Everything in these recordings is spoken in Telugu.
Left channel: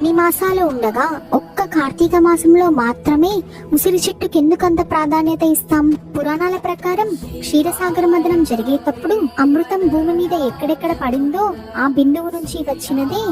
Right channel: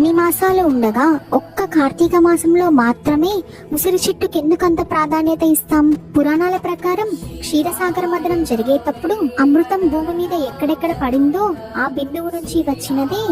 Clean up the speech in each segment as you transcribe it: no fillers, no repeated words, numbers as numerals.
ఇన్ని మాసాలు ఉండగా ఒక్క కార్తీక మాసంలో మాత్రమే ఉసిరి చెట్టుకి ఎందుకంత ప్రాధాన్యత ఇస్తాం? పురాణాల ప్రకారం క్షీరసాగర మథనం జరిగేటప్పుడు అమృతం భూమి మీద ఎక్కడెక్కడ పడిందో ఆ బిందువు నుంచి వచ్చినదే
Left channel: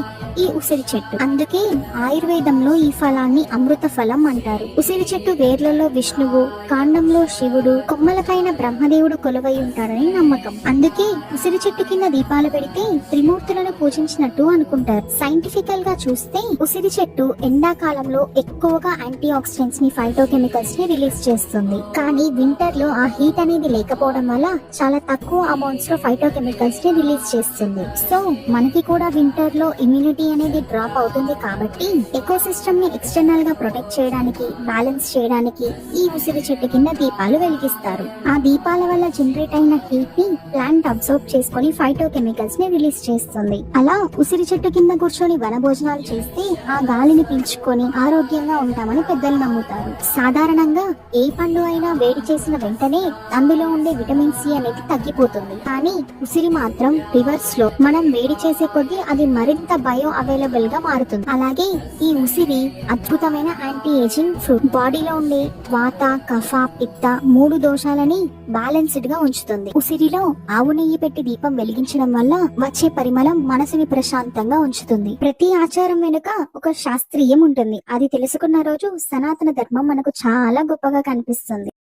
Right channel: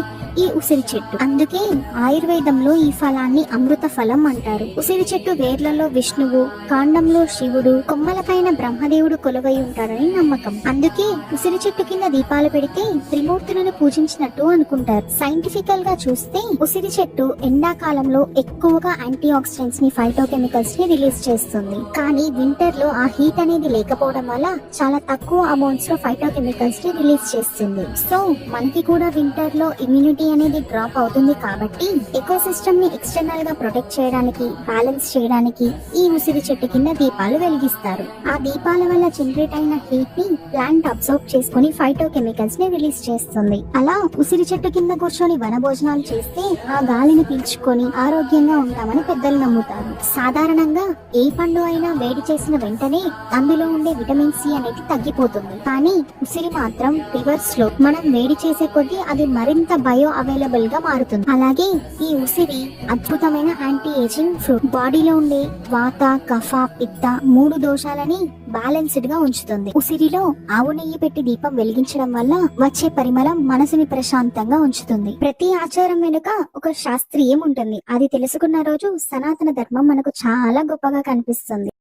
ఈ ఉసిరి చెట్టు. అందుకే ఆయుర్వేదంలో ఈ ఫలాన్ని అమృత ఫలం అంటారు. ఉసిరి చెట్టు వేర్లలో విష్ణువు, కాండంలో శివుడు, కొమ్మలపైన బ్రహ్మదేవుడు కొలువై ఉంటాడని నమ్మకం. అందుకే ఉసిరి చెట్టు కింద దీపాలు పెడితే త్రిమూర్తులను పూజించినట్టు అనుకుంటారు. సైంటిఫికల్ గా చూస్తే ఉసిరి చెట్టు ఎండాకాలంలో ఎక్కువగా యాంటీ ఆక్సిడెంట్స్ ని, ఫైటోకెమికల్స్ ని రిలీజ్ చేస్తుంది. కానీ వింటర్ లో ఆ హీట్ అనేది లేకపోవడం వల్ల చాలా తక్కువ అమౌంట్స్ లో ఫైటోకెమికల్స్ ని రిలీజ్ చేస్తుంది. సో మనకి కూడా వింటర్ లో ఇమ్యూనిటీ అనేది డ్రాప్ అవుతుంది. కాబట్టి ఎకో సిస్టమ్ ని ఎక్స్టర్నల్ గా ప్రొటెక్ట్ చేయడానికి, బ్యాలెన్స్ చేయడానికి ఈ ఉసిరి చెట్టు కింద దీపాలు వెలిగిస్తారు. ఆ దీపాల వల్ల జనరేట్ అయిన హీట్ ని ప్లాంట్ అబ్సర్బ్ చేసుకుని ఫైటోకెమికల్స్ ని రిలీజ్ చేస్తుంది. అలా ఉసిరి చెట్టు కింద కూర్చొని వనభోజనాలు చేస్తే ఆ గాలిని పీల్చుకొని ఆరోగ్యంగా ఉంటామని పెద్దలు నమ్ముతారు. సాధారణంగా ఏ పండు అయినా వేడి చేసిన వెంటనే అందులో ఉండే విటమిన్ సి అనేది తగ్గిపోతుంది. కానీ ఉసిరి మాత్రం రివర్స్ లో, మనం వేడి చేసే కొద్దీ అది మరింత బయో అవైలబుల్ గా మారుతుంది. అలాగే ఈ ఉసిరి అద్భుతమైన యాంటీ ఏజింగ్ ఫ్రూట్. బాడీలో ఉండే వాత, కఫ, పిత్త 3 దోషాలని బ్యాలెన్స్డ్ గా ఉంచుతుంది. ఉసిరిలో ఆవు నెయ్యి పెట్టి దీపం వెలిగించడం వల్ల వచ్చే పరిమళం మనసుని ప్రశాంతంగా ఉంచుతుంది. ప్రతి ఆచారం వెనుక ఒక శాస్త్రీయం ఉంటుంది. అది తెలుసుకున్న రోజు సనాతన ధర్మం మనకు చాలా గొప్పగా కనిపిస్తుంది.